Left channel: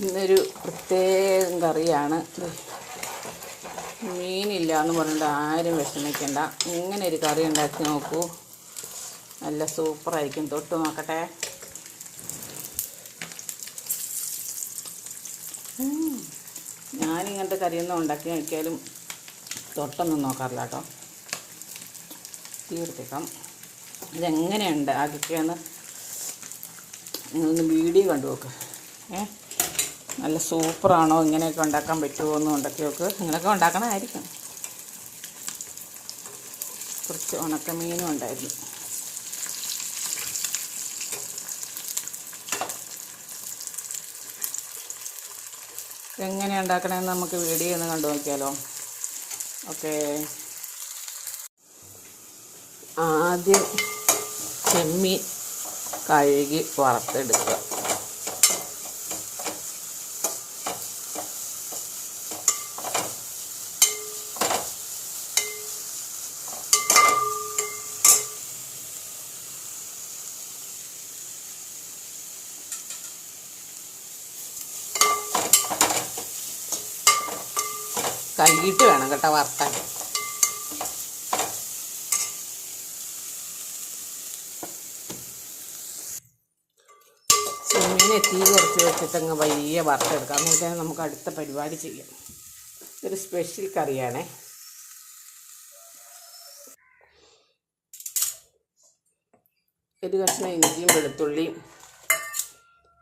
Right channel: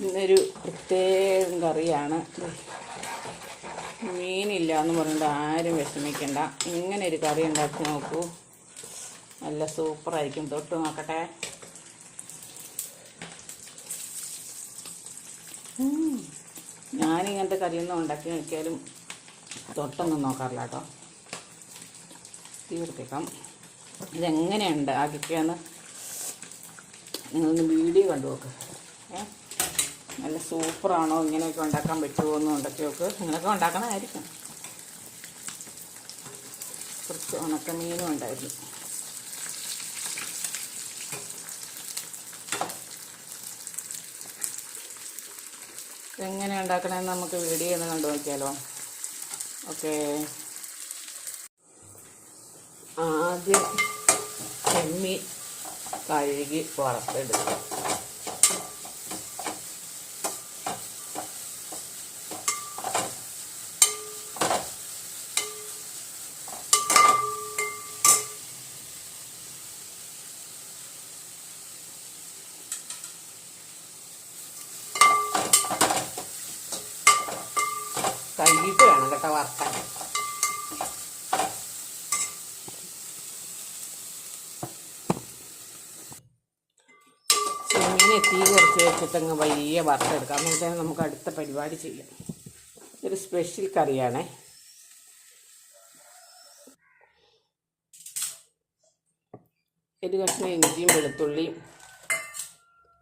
ഇന്നൊരു പ്രത്യേകം കറിയാണ്. മീനില്ല എന്ന് പറഞ്ഞിട്ട് ആരും വിഷമിക്കണ്ട. ഇങ്ങനെ ഒരു കറി ഉണ്ടാക്കി നോക്കൂ. നല്ല സൂപ്പറായിരിക്കും. തൊട്ട് നോക്കട്ടെ. ഞാനിങ്ങനത്തെ കറിയൊന്നും ഉണ്ടാക്കി നോക്കിയാലും തൊട്ടൊന്നും നോക്കാറില്ല കേട്ടോ. തീർത്തേക്കാം ഇതെങ്ങനെയുണ്ട്? ആക്കിയൊക്കെയാണ് നിങ്ങളൊന്ന് വീഡിയോ കണ്ടു നോക്ക് ഏ? നല്ല സൂപ്പറാണോ? ഇങ്ങനെയൊക്കെ ഉണ്ടാക്കാൻ പറ്റുമോ എന്ന് ഉണ്ടാക്കി ഇങ്ങനെയൊക്കെ ഉണ്ടാക്കണമായിരിക്കും. കുറച്ച് ഉണക്കമീനും ഉണ്ടായിരുന്നു. എങ്ങനെ ഉണ്ടാക്കണമെന്ന് നമുക്ക് വീഡിയോ ഒന്ന് കണ്ടു നോക്കിയാലോ. ഓക്കെ ആദ്യം ചെമ്മീൻ കഴുകി വറുത്തെടുക്കുക. കഴുകിയിട്ട് വേണം കേട്ടോ വറുത്താൻ ചെമ്മീനെ തീ കുറച്ച് വെച്ചിട്ടങ്ങ് വലിയ വറുത്തെടുക്കാം. എന്നിട്ട് നമുക്ക് അടുത്ത പരിപാടി ചെയ്യാം. ഇതൊരു സ്പെഷ്യൽ കറിയാണേ. ഒരു കഷ്ണം ഇഞ്ചിയും വെളുത്തുള്ളിയും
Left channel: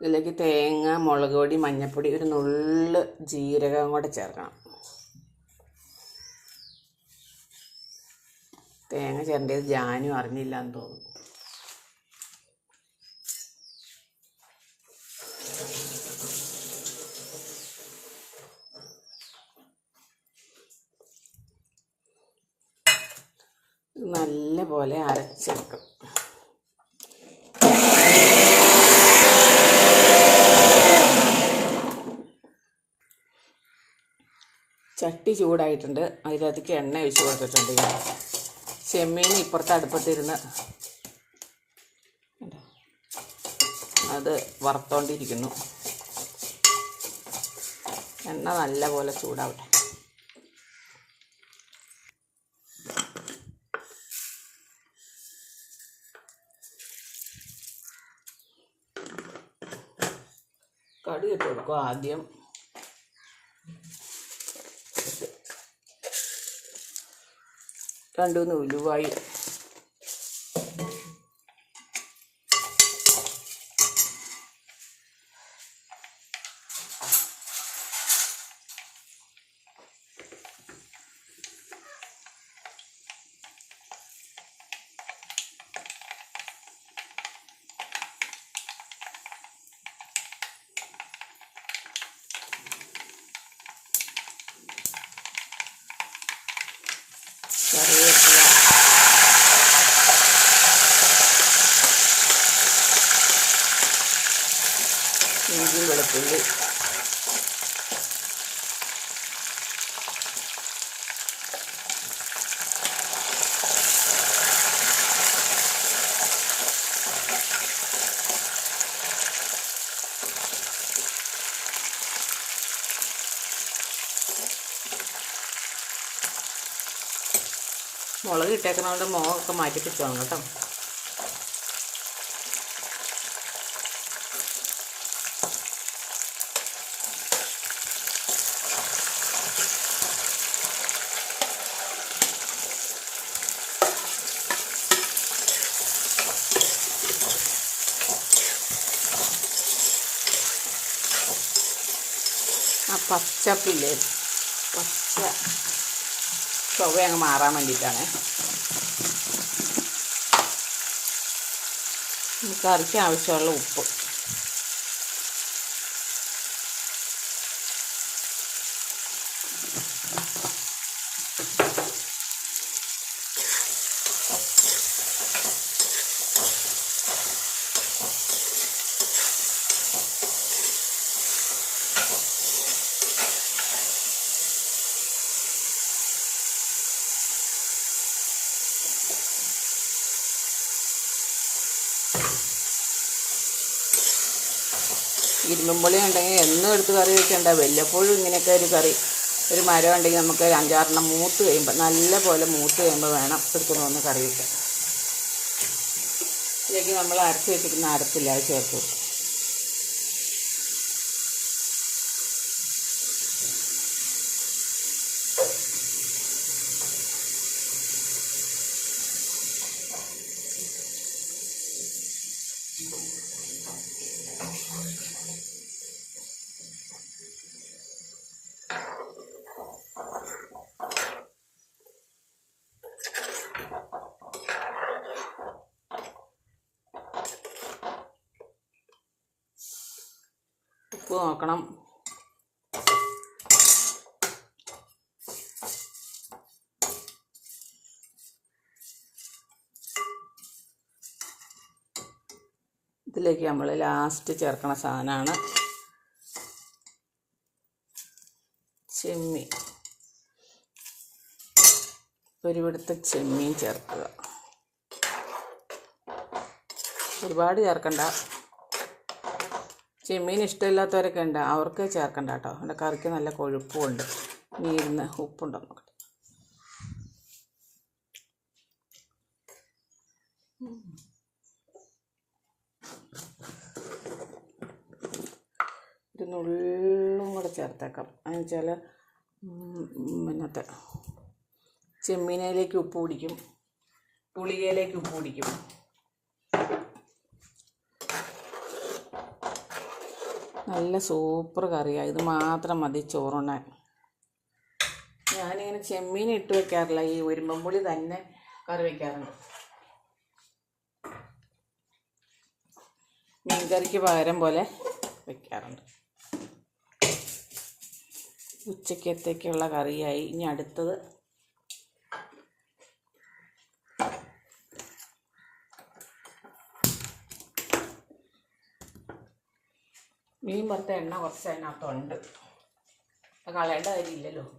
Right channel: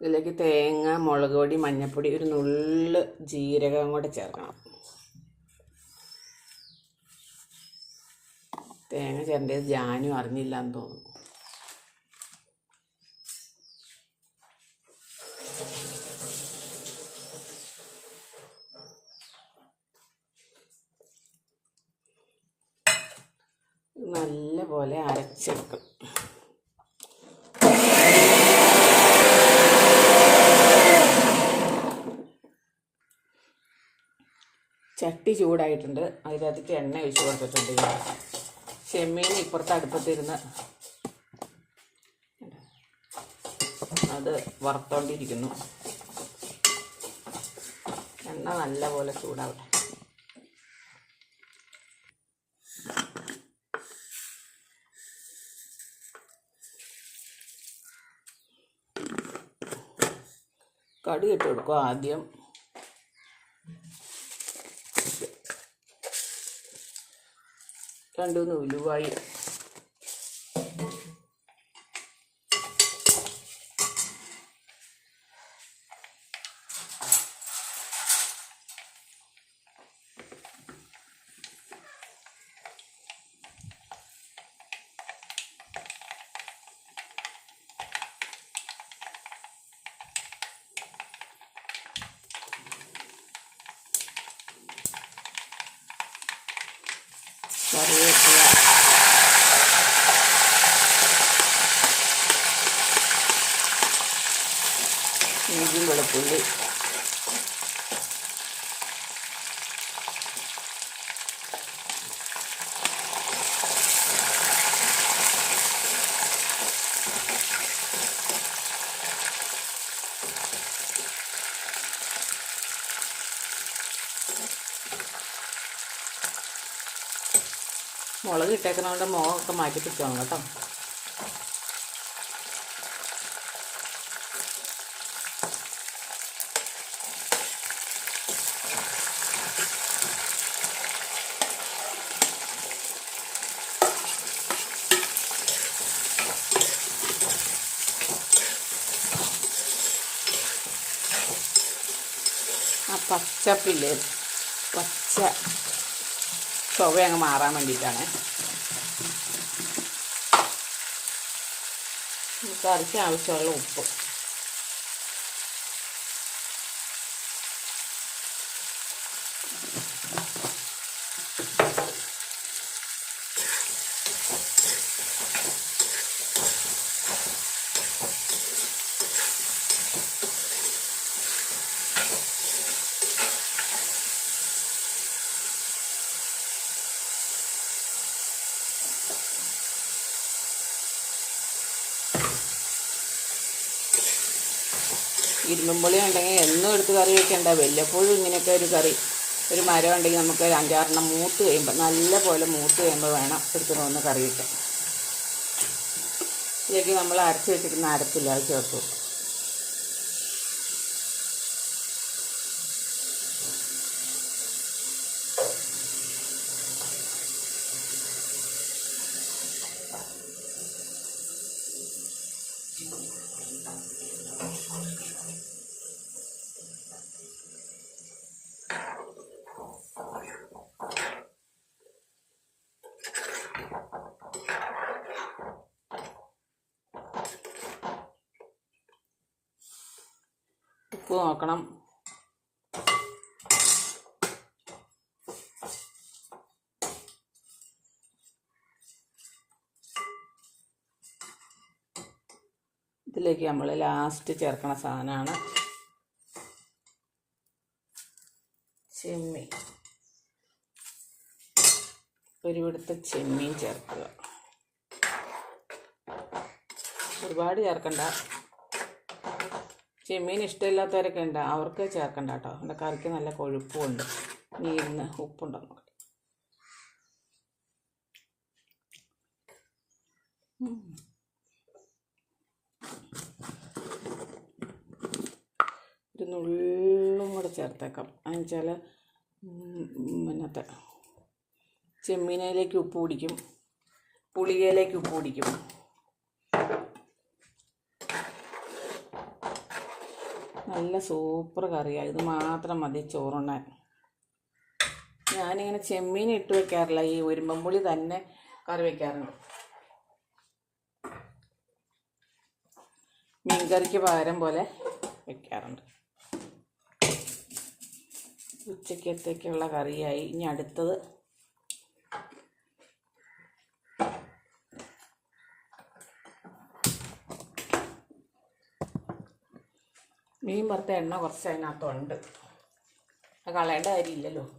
ഇതിലേക്ക് തേങ്ങ മുളക് പൊടി മഞ്ഞൾപ്പൊടി ഒരു നുള്ള് ജീരകം കൂടെ ചേർക്കണം തേങ്ങ ചേരേണ്ടത് ജാനും അറിഞ്ഞില്ല എന്ന് തോന്നുന്നു. നല്ല പോലെ അരച്ചെടുക്കും. ചട്ടി ചൂടായിട്ടുണ്ട്. അതിനകത്തേക്ക് എണ്ണ ഒഴിച്ച് കൊടുത്തിട്ടുണ്ട് ചെമ്മീൻ ഇപ്പുറത്ത് അടുപ്പത്തിരുന്ന് അത് വറുത്തോണ്ടിരിക്കുന്നു. എണ്ണ നല്ലപോലെ ചൂടാവട്ടെ. കടി ഇട്ട് കൊടുക്കും ആദ്യം രണ്ടുമൂന്ന് ഉലുവായി. കറിവേപ്പില ഇഞ്ചി വെളുത്തുള്ളി മുളക് ഇട്ടേക്കുന്നതുകൊണ്ട് മുഖമൊക്കെ മാറ്റി പിടിച്ചോണം കേട്ടോ. ആ പച്ചപ്പില്ലേ? പച്ച ചൊവ്വ അങ്ങ് മാറാൻ വേണ്ടിയിട്ടാണ്. കറിക്ക് ആവശ്യമുള്ള ഉപ്പ്. ഇരുമ്പുളി ഉണ്ടെങ്കിൽ എന്നും എടുത്ത് കറി വെക്കേണ്ട. വല്ലപ്പോഴും ഇങ്ങനെയൊക്കെ ഒരു കറി ഒരു മരം ഉണ്ടെങ്കിൽ നമുക്ക് ഒരു അഞ്ചാറെണ്ണം മൂത്ത് കഴിയുമ്പോൾ നല്ല പോലെ മൂത്ത് കഴിയുമ്പോൾ വേണം എടുത്തുകൊണ്ട് വന്ന് കറി വെക്കാം ഇതിലേക്ക് നമ്മൾ അരച്ച് വെച്ചിരിക്കുന്ന അരച്ചില്ല അത് ചേർത്ത് കൊടുക്കും. ഉപ്പ് നോക്കണം. ഇതിലേക്ക് നമ്മൾ ലാസ്റ്റ് ചേർക്കണ സാധനമാണ് ചെമ്മീൻ. ഒരുപിടുത്ത ചെമ്മീൻ ചേർക്കുക. ഒരുപാട് ചേർക്കണ്ട. ചെമ്മീൻ ഇഷ്ടമില്ലാത്തവരൊക്കെ ഉണ്ട്. അവർക്ക് ചേർക്കണ്ട കേട്ടോ. എന്റെ കറിക്ക് നല്ല കൊഴുപ്പുമുണ്ട്. നീരുന്ന് ഉപ്പുണ്ടോ നോക്കട്ടെ. ഒരു നുള്ളും കൂടെ ചേർത്തേക്കാം. എന്ന് വെച്ചാൽ പിന്നത്തെ ചെമ്മീനയിലേക്ക് ഉപ്പ് പിടിക്കും. പുളികയിലേക്ക് ഉപ്പ് പിടിക്കും. നല്ല സൂപ്പർ കറിയാണ് ഇത് മാത്രം മതി ചോറുണ്ണാൻ. ഞാനിങ്ങനെ ചെമ്മീൻ ഇട്ട് വെക്കാറില്ല. ഈ ഒരുമ്പമ്പുളി തന്നെ കറി വെക്കാറുണ്ട്. മീൻകറിക്ക് പകരം പോലെ വെക്കാറുണ്ട്. ഉച്ചക്കത്തേക്കുള്ള കറിയായി. ഇനി അടുത്തത് മീൻ വറുത്ത എണ്ണ കുറച്ച് അതിനകത്തുണ്ട്. അത് കളയേണ്ട കാര്യമില്ലല്ലോ.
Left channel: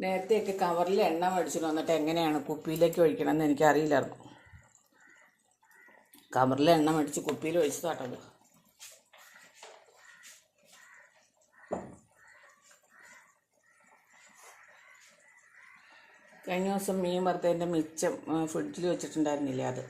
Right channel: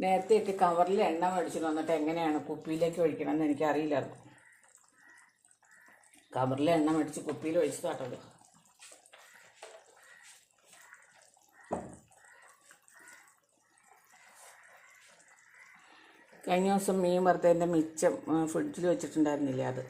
നേരത്തെയൊക്കെ കവറിൽ എണ്ണ മേടിച്ചിട്ട് വന്നിട്ട് എങ്ങനെയാണ് കുപ്പിയിലേക്ക് ഒഴിക്കണമെന്ന് എനിക്കറിയില്ലായിരുന്നു. കവറിൽ എണ്ണ മേടിച്ച് കുപ്പിയിൽ ഒഴിച്ചതാട്ടല്ലോ. കഴിഞ്ഞ ദിവസം മീൻ വറുത്തതിന്റെ മിച്ചം ഫ്രിഡ്ജിൽ വെച്ചിട്ടുണ്ടായിരുന്നില്ല അത്?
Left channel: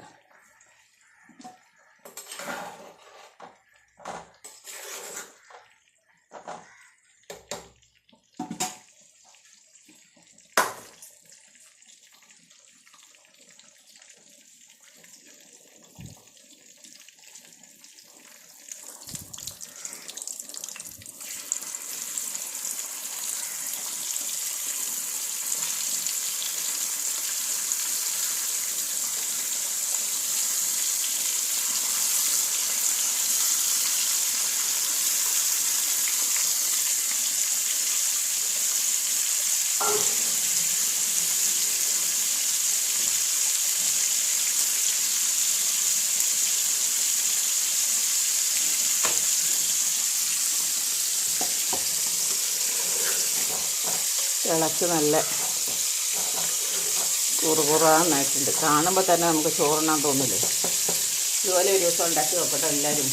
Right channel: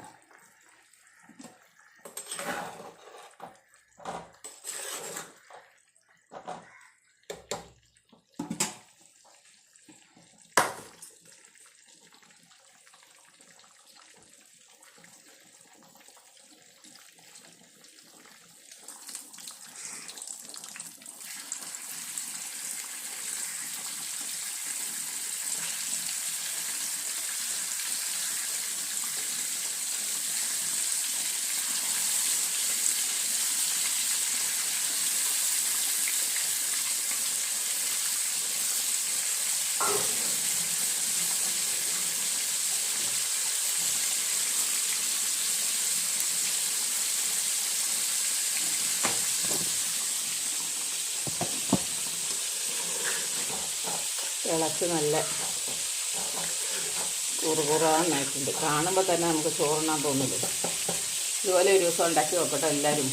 തിളച്ച് നല്ല കുറുകുറാന്നായിട്ടുണ്ട്. കാണുമ്പോൾ തന്നെ നമുക്ക് ചോറണാൻ തോന്നില്ലേ? ഇതുപോലെ ഒരു ദിവസം ഉണ്ടാക്കി നോക്കട്ടെ എല്ലാവരും.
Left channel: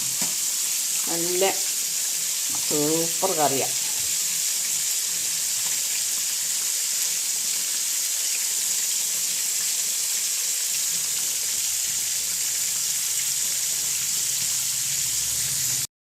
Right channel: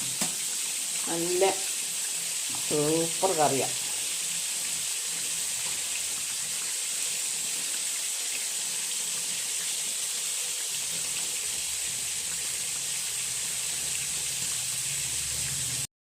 നല്ല സൂപ്പർ കറിയാണ്